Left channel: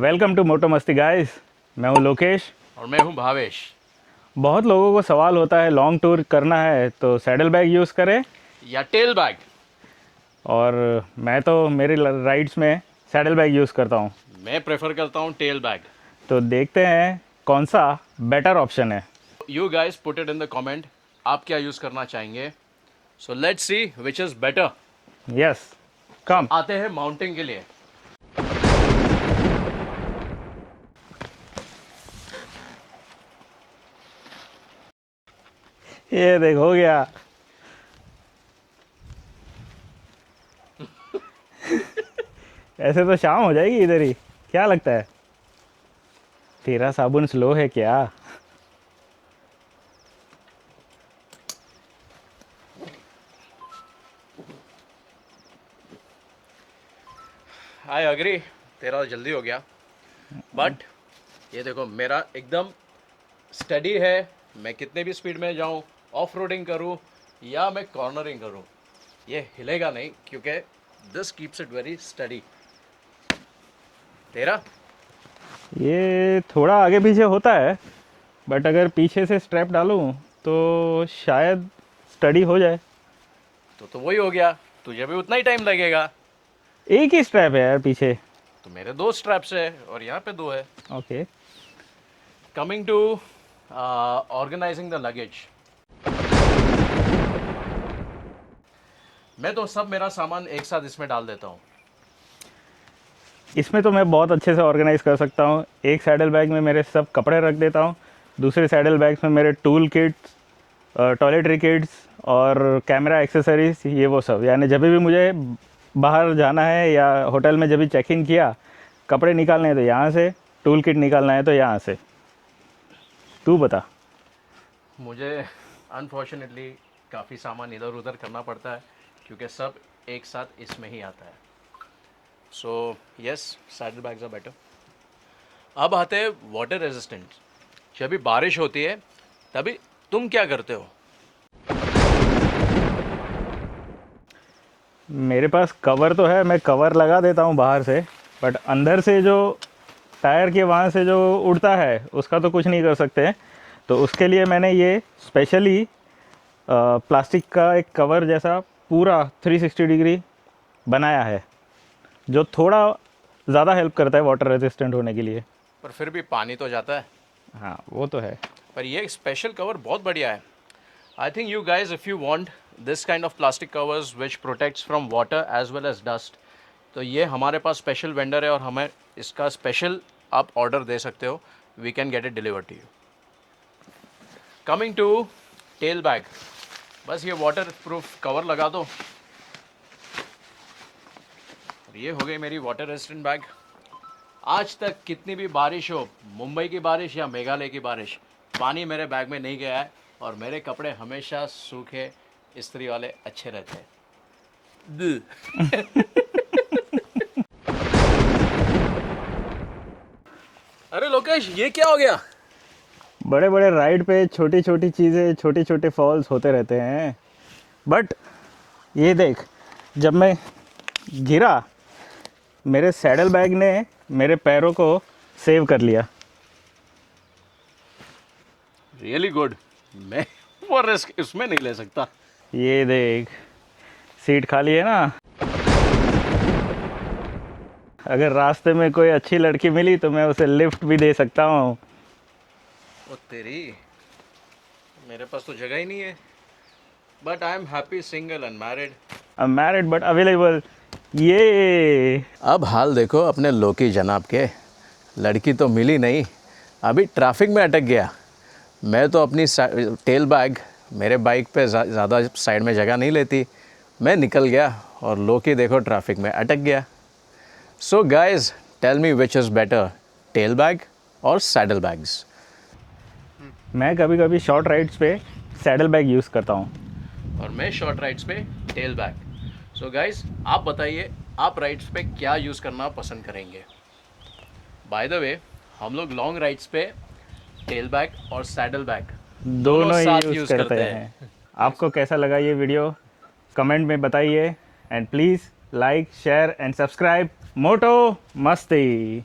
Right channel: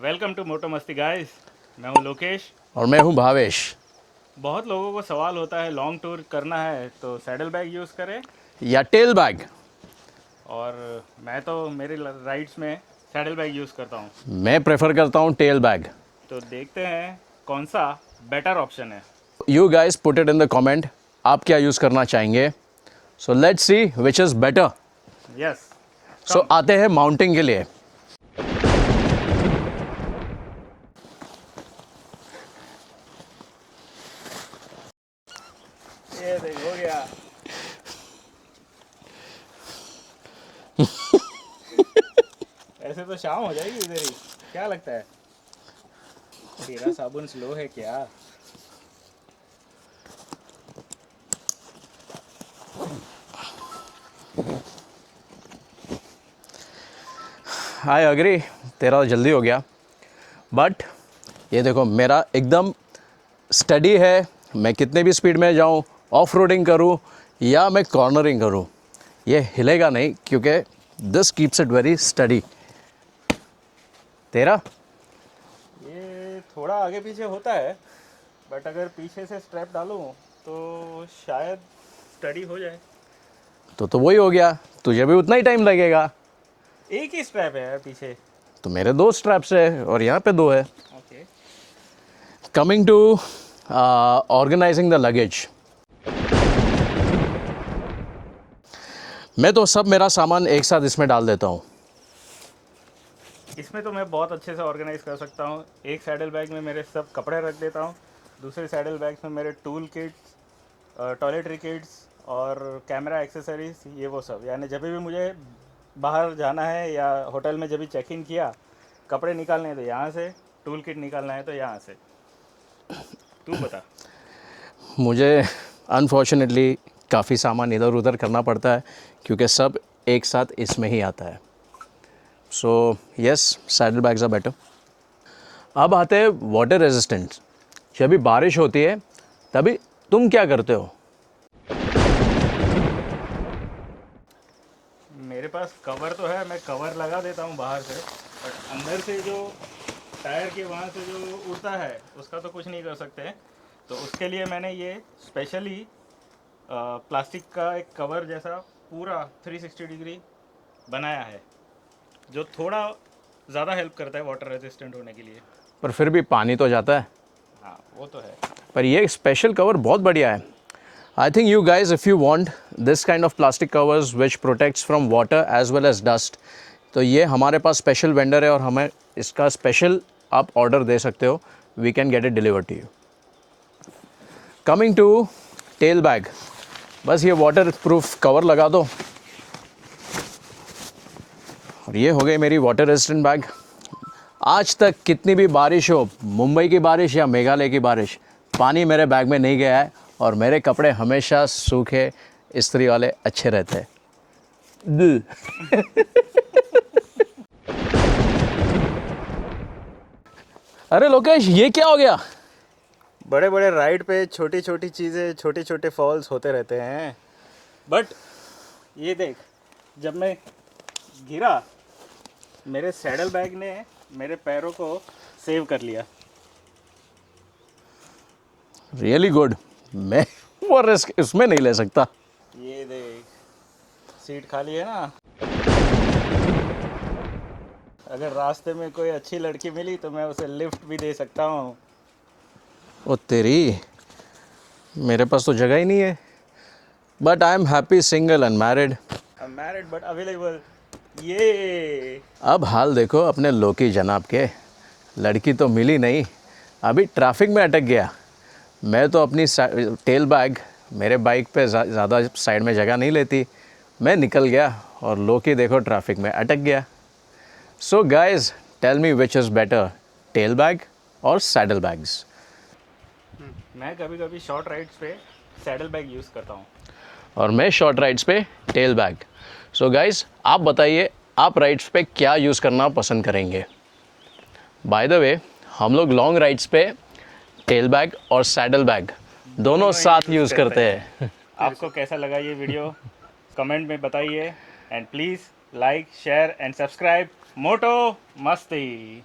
Welcome to मोटो मस्ती guys. मैं हूं लोकेश। और मैं हूं भावेश। बहुत लोगों को सवाल होता है लॉन्ग टूर करना है तो सैडल बैग यूज़ करें, या टेल बैग। और मैं तो मेरी राइड्स में सैडल बैग यूज़ करता हूं। मैं प्रेफर करता हूं टेल बैग। तो देखते हैं कौन सा बेटर ऑप्शन है। You guys put it in the comment, आप क्या यूज़ करना चाहेंगे। So let's see which is better. Yes, so come. आते हैं माउंटिंग के लिए। ये देख, हो गया। ऐसे तो शाम हो जाएगी इधर ही, क्या लगता है? तेरा साबुन स्लो है क्या? आई अग्री, तेरा जल्दी हो गया। बट ये देखो, मेरा एकदम स्टडी है। मैं कितने भी स्पीड में जाऊं, ऑफ रोडिंग करूं या मैं कॉर्नरिंग करूं, ये हिलेगा नहीं, क्योंकि this keeps it very study. तेरा ये थोड़ा आगे पीछे होता है, बट अगर पीछे से स्ट्रैप डालूं तो शायद स्टडी हो जाए। तो वही हो गया, तुझे भी उतना ही टाइम लगेगा। एक ही स्ट्रैप है यार पीछे। तो मेरे 2 स्ट्रैप्स है और यहाँ पे 2 है। Okay. Coming to organising the luggage. मैं तो सब मेरा सामान एक साथ इसमें डाल देता हूँ। इसमें तो मैं बहुत अच्छे से ऑर्गेनाइज कर सकता हूँ। एक सैडल बैग में मेरे सब कपड़े रख देता हूँ, दूसरे सैडल बैग्स में मेरे टूल किट्स, टॉयलेटरी किट्स और कैमरा एक्सेसरीज, ये वो सब। यानी जब भी मुझे बाहर जाना है या होटल में जब भी चेक इन किया, कपड़े निकालने हैं तो यहाँ से, टूल किट निकालना है तो यहाँ से। तू बता। मुझे अनफॉर्चुनेटली काफ़ी सामान इधर उधर करना पड़ता है, क्योंकि सब एक साथ इसमें ही आता है। So yes, saddle bags are better. अब आते हैं वाटर रेजिस्टेंट। जब भी बारिश होती है तभी तुम क्या करते हो? मेरे पास कवर तो है, मैं कवर लगा देता हूँ बाहर से, बट अंदर से जो टायर के वहाँ से जो उड़ता है उसका तो कुछ नहीं कर सकते। तो उसके लिए मैंने ये स्पेशली प्लास्टिक का एक कवर जैसा पूरा 360 डिग्री बनाया है, जो थोड़ा ज़्यादा हेल्प करता है वाटर रेजिस्टेंट होने के लिए। पर फिर भी पानी तो जाता है। हाँ, वो तो है। पर ये स्पेशल कवर बहुत बढ़िया है। I think you guys, if you want this kind of plastic covers which protects from water as well as dust, तो ये हमारे पास स्पेशल वेंडर है और हमें इसका स्पेशल आप ऑर्डर दे सकते हो। We can get it deliver to you. Coming to tail bag, बस ये वाटर प्रूफ कवर लगा दो और ये हो गई मेरी वाटर रेजिस्टेंट बैग। आज तक कितनी भी बारिश हो, मुंबई की बारिश या मेघालय की बारिश, पानी मेरे बैग में नहीं गया है और मेरे कपड़े हमेशा सूखे इस्त्री वाले अच्छे रहते हैं। अरे लोकेश, ये क्या हो गया? बड़े बड़े राइड पे छोटी छोटी चीज़ें, छोटे छोटे फॉल्स होते रहते हैं। बट ये देख, जब मैं गिरा, मेरे सैडल बैग ने मेरे पैरों को सेव कर लिया। Really good. मैं वो रिस्क इसमें नहीं ले सकता। ये देख, सीट खाली है ना। अगर रास्ते में कोई अच्छी लड़की मिली तो मैं उसे लिफ्ट भी दे सकता हूँ। ओ तेरी, मेरे पास तो जगह ही नहीं है। But I am happy single and married. I am married but available. ये अब हाल देखो अपने लोकी जनाब के, लड़की तो मिली नहीं, अभी ट्रैफिक में अटक गया। मैं तो अपनी टेल बैग मेरे बाइक पे ज़्यादा साइड में जगह नहीं लेती, मैं निकल गया और लोकी देखो ट्रैफिक में अटक गया। So guys, tell me which is better, tail bag और सैडल बैग्स? मैं कभी कभी शॉर्ट राइड्स पे सैडल बैग यूज़ करता हूँ और मैं शॉर्ट राइड्स पे टेल बैग। सो गाइज, आप बताइए आप राइड्स पे क्या यूज़ करना पसंद करेंगे। बाय द वे, हम लोग लॉन्ग राइड्स पे टेल बैग और सैडल बैग दोनों साथ यूज़ करते हैं। आपको कैसा लगा ये वीडियो, कमेंट में बताइए। And please like, share and subscribe मोटो मस्ती।